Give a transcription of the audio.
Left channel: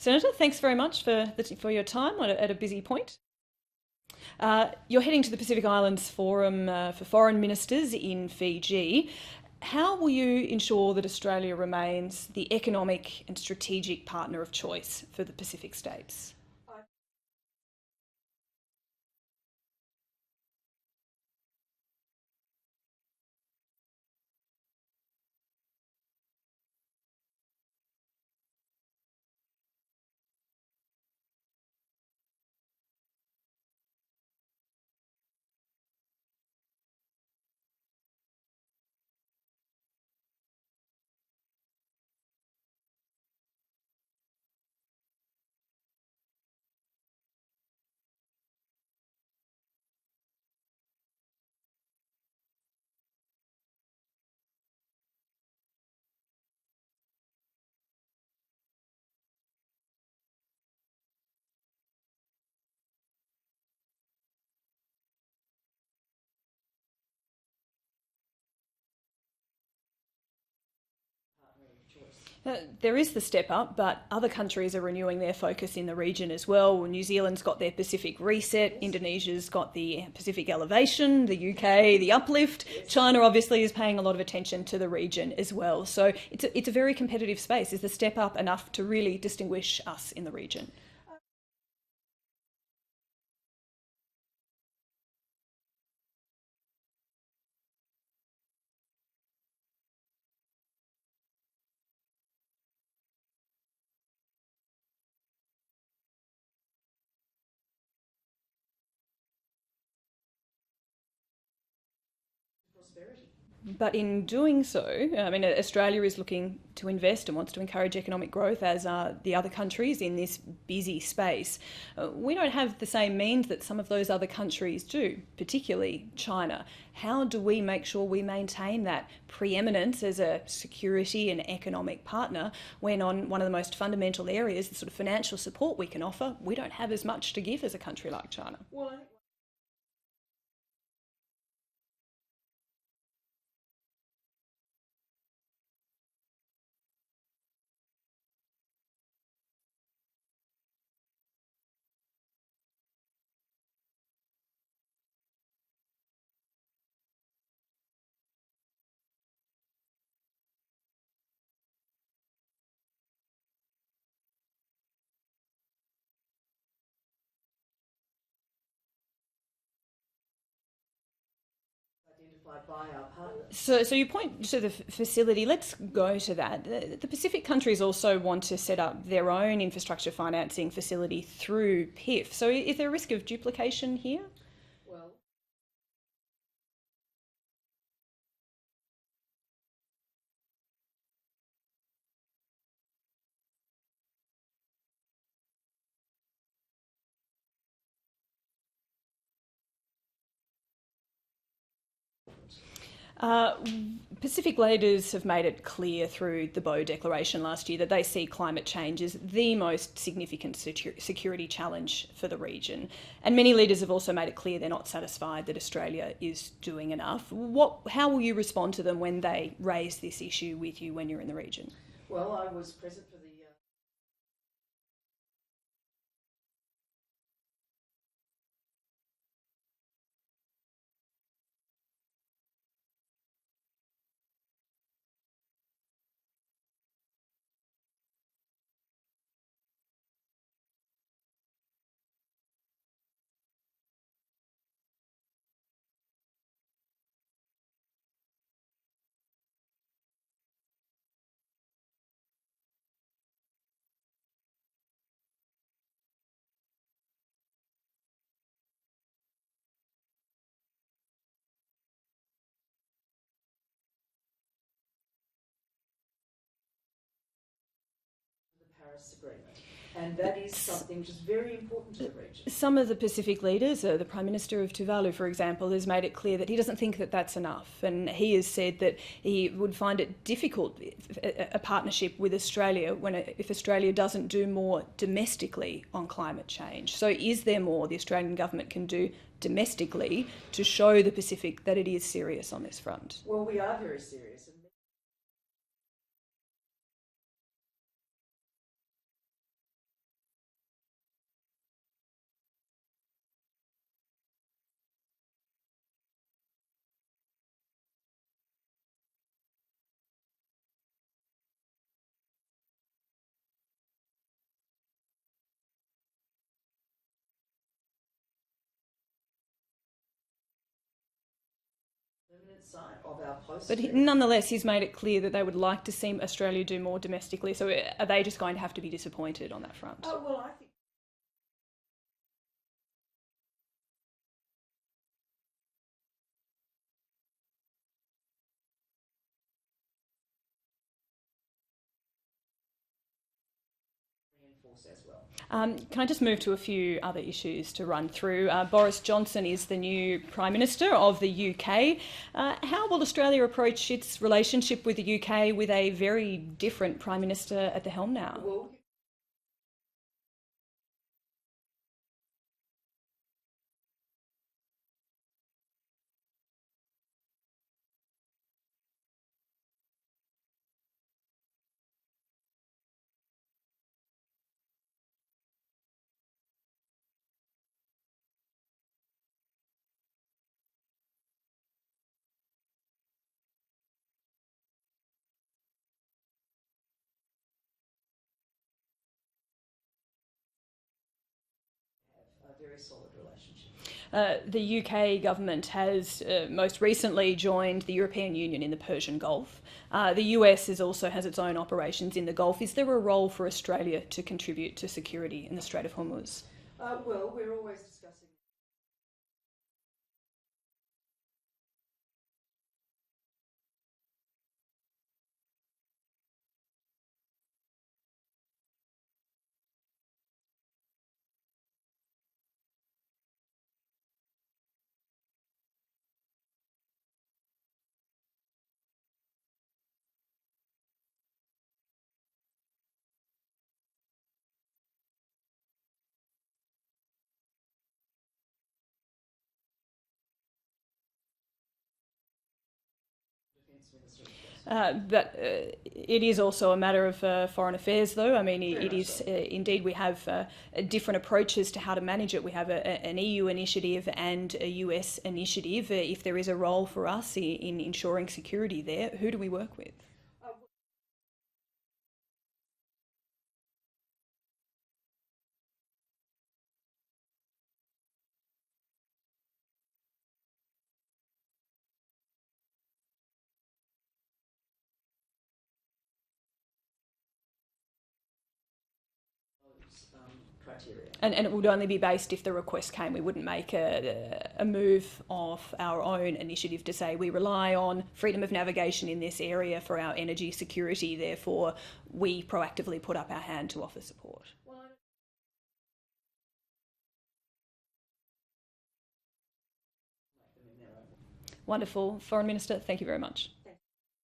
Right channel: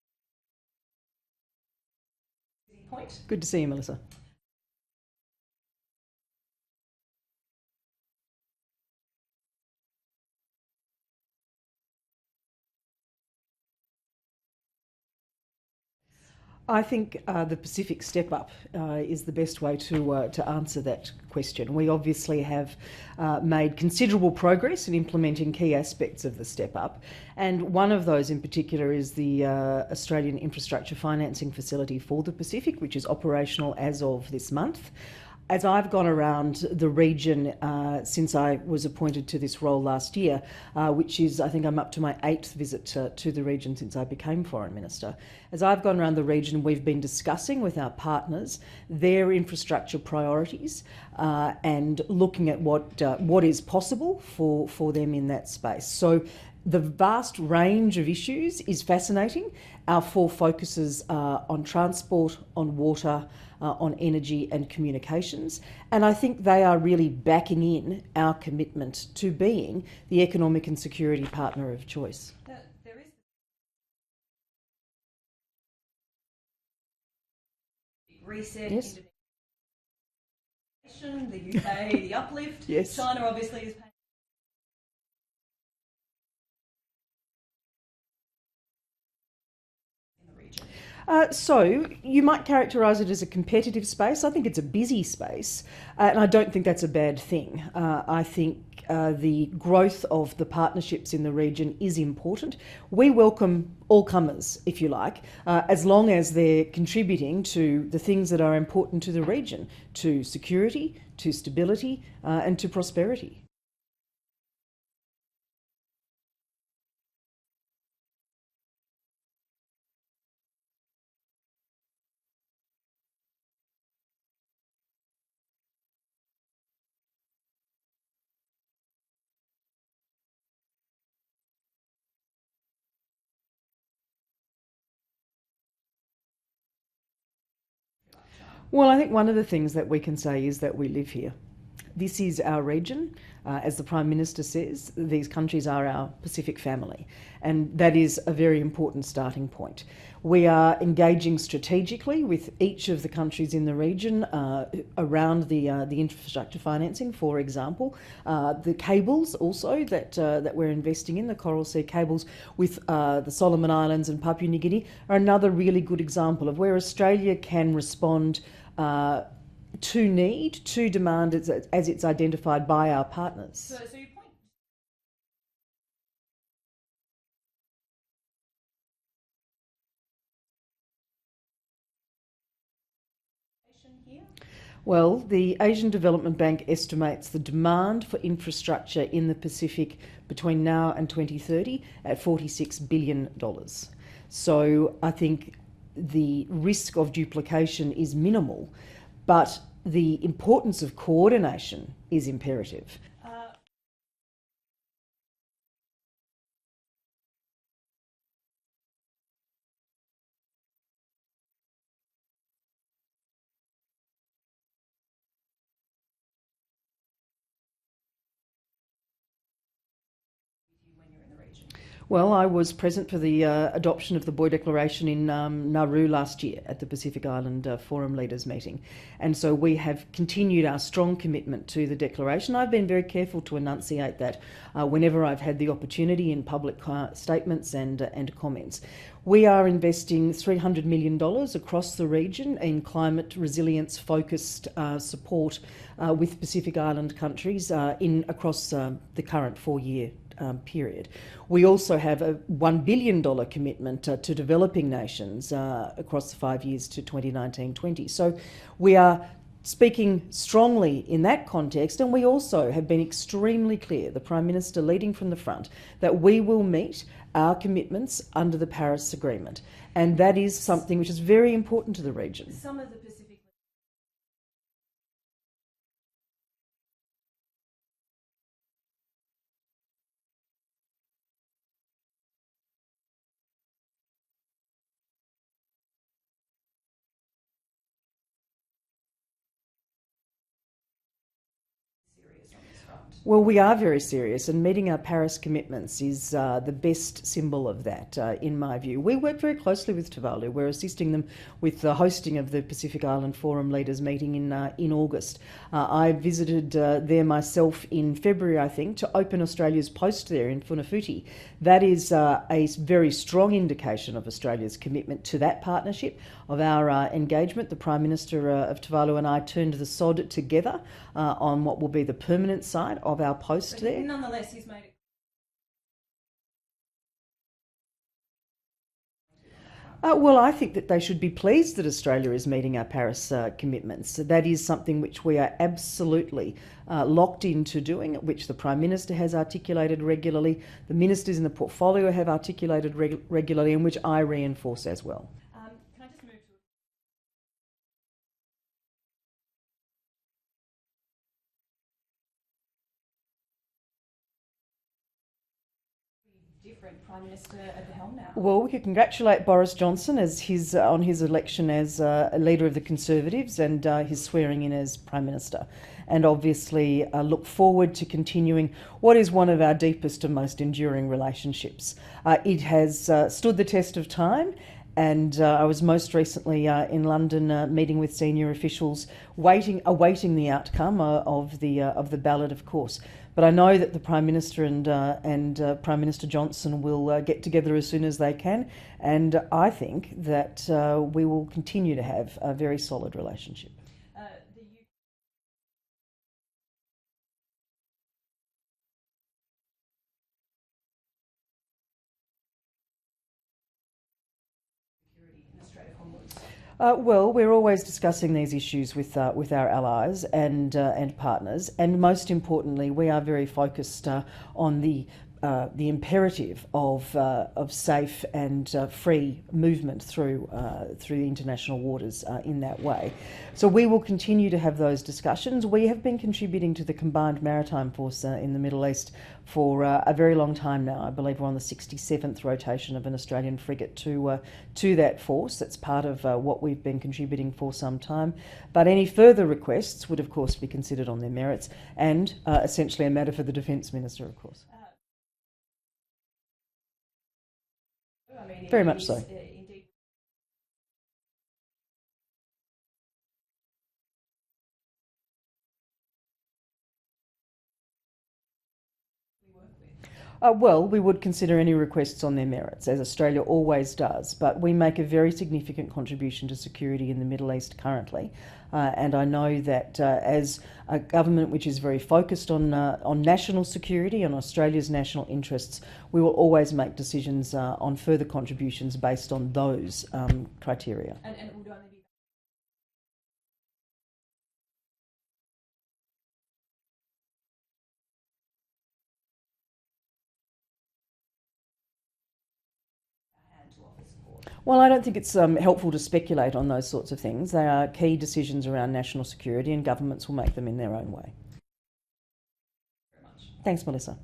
Senator, thanks very much for your time at a busy point. Good to see you, Melissa. You're heading to the Pacific Islands Forum for Foreign Ministers in Fiji. How will you ensure that Australia remains the economic and strategic partner of choice for the Pacific states? I think the Pacific Step Up is the best way to answer that question. We obviously have made considerable progress in implementing key aspects of the Step Up, and one of those in particular is the Australian Infrastructure Financing Facility for the Pacific, which is operational as of this month. As I've gone around the region since I was appointed to this role last year, which is, I think I'm up to my 8th visit to the region since I became Foreign Minister. As I've gone around the region, we've been discussing with our partners their infrastructure priorities and looking at what is possible for them in that space. So the vast range of issues is fascinating. Our 4 focuses are on transport, on water, on energy and communications. And I think they are really backing in our commitment to being the economic and security partner of choice. There is the Step Up, but other countries are renewing their focus in the region as well. New Zealand's got their Pacific Reset, yes. Indonesia's got the Pacific Elevation, the UK, the Uplift. Yes. China obviously is paying a lot of attention to the region as well. So it's a very competitive space. Is the Step Up enough to really distinguish us in the region? So you might characterise it as a competitive space. I think it's a busy space, and I don't think that's a bad thing. I think the growth of the partnerships in the region is important. We welcome all comers, if you like, as long as they're contributing to the things that are important to the region, to security, to stability, and to prosperity. But in doing so, I mean, Australia is looking to invest and wants to encourage economic growth, as are the other countries in this busy space. We don't have the same means that some of those other countries do, particularly China. How do we make sure we maintain that preeminence as a security and economic partner when on one of the most fundamental areas, the sort of financial support we can offer, we don't have as much to give as a country like China? Well, I think one of the things that we can say is that we live here. This is our region. As the Prime Minister says, these countries are our Pacific family, and that is a very important starting point. We are engaging strategically with each of the countries in the region around the infrastructure financing, for example. The cables also that we're investing in, the Coral Sea cables with the Solomon Islands and Papua New Guinea, are another really good example of where Australia can respond to demand as it's identified by our partners. So you point to the facility. Let's go to that. The Pacific countries also want to set up their own infrastructure financing facility through PIF. So is there a risk of duplication here? Well, the Asian Development Bank estimates the demand for infrastructure in the Pacific between now and 2030 at $46 billion. So I think the risk of duplication is minimal, but the importance of coordination is imperative. Pacific leaders have made it clear through the Boe Declaration last year that they see climate change as the most significant security challenge for the region. And many leaders have also made it clear they're not satisfied that Australia is doing enough. How will you respond to them when they raise this issue with you when you're in the region? Well, I was present for the adoption of the Boe Declaration in Nauru last year at the Pacific Island Forum Leaders meeting. And so we have continued our strong commitment to the declaration. I've been very careful to enunciate that whenever I've had the opportunity in public statements and comments. We are investing $300 million across the region in climate resilience focused support with Pacific Island countries across the current 4-year period. We also have a $1 billion commitment to developing nations across the 5 years to 2019-20. So we are speaking strongly in that context, and we also have been extremely clear, the Prime Minister leading from the front, that we will meet our commitments under the Paris Agreement. And that is something which is very important to the region. Some of the Pacific leaders, the Prime Minister of Tuvalu, for example, has made it clear that he doesn't think that that's enough. And he has said that he would find it difficult, a partnership with Australia, if Australia doesn't do more domestically on climate change. So is there more the Australian government can do domestically to show the Pacific that it is serious on this front? Well, we are very serious, and meeting our Paris commitments is the best symbol of that, in my view. We work very closely with Tuvalu. We're assisting them with the hosting of the Pacific Island Forum Leaders meeting in August. I visited there myself in February, I think, to open Australia's post there in Funafuti. That is a very strong indication of Australia's commitment to that partnership, of our engagement. The Prime Minister of Tuvalu and I turned the sod together on what will be the permanent site of our post there. But nonetheless, he's made it clear that they would like to see Australia do more domestically. So are they just going to have to be disappointed on that front? Well, I think that they should be pleased that Australia is meeting our Paris commitments. That is something which we are absolutely locked into doing, which the Prime Minister has articulated regularly, the ministers in the portfolio have articulated regularly, and which I reinforce as well. Can I just move to a few other issues to run through? Boris Johnson is the new Prime Minister of the UK. How will Australia approach its relationship with the UK with a very different Prime Minister at the helm now? Well, we could congratulate Boris Johnson on his election as a leader of the Conservatives and his swearing in as Prime Minister, and obviously look forward to continuing what is one of our deepest and most enduring relationships. It has stood the test of time, and I was most recently in London meeting with senior officials, awaiting the outcome of the ballot, of course. But I know that the Prime Minister and Prime Minister Johnson will get together as soon as they can, and I think that we will continue to have a very solid relationship. The UK government has most recently joined the European Union in the Persian Gulf. The US also has its own operations in the Gulf. Is there a role for Australia to contribute to security in the Strait of Hormuz? Well, we're always discussing these issues with our allies and partners, and most importantly, we are very focused on the imperative of safe and free movement through the international waters in that way. So we will continue to have those discussions. We have been contributing to the Combined Maritime Force in the Middle East for a very long time now. I believe we're on the 67th rotation of an Australian frigate to that force. That's part of what we've been contributing for some time. But any further requests would, of course, be considered on their merits, and essentially a matter for the Defence Minister, of course. But it is also a matter of foreign affairs, though. I mean, very much so. Indeed, we have different approaches to how to manage it. We have an EU initiative and a US initiative. If there is a role for us in ensuring security there, who do we work with? Well, we would consider any requests on their merits, as Australia always does, but we make a very significant contribution to security in the Middle East currently. And I know that as a government which is very focused on national security and Australia's national interests, we will always make decisions on further contributions based on those criteria. And it would only be based if the request came. We wouldn't make a move of our own initiative to say we rely on freedom of navigation in this area for our energy security, therefore we proactively put up our hand to offer support. Well, I don't think it's helpful to speculate on those sorts of things. They are key decisions around national security, and governments will make them in their own way. Wonderful. Foreign Minister, thank you very much. Thanks, Melissa.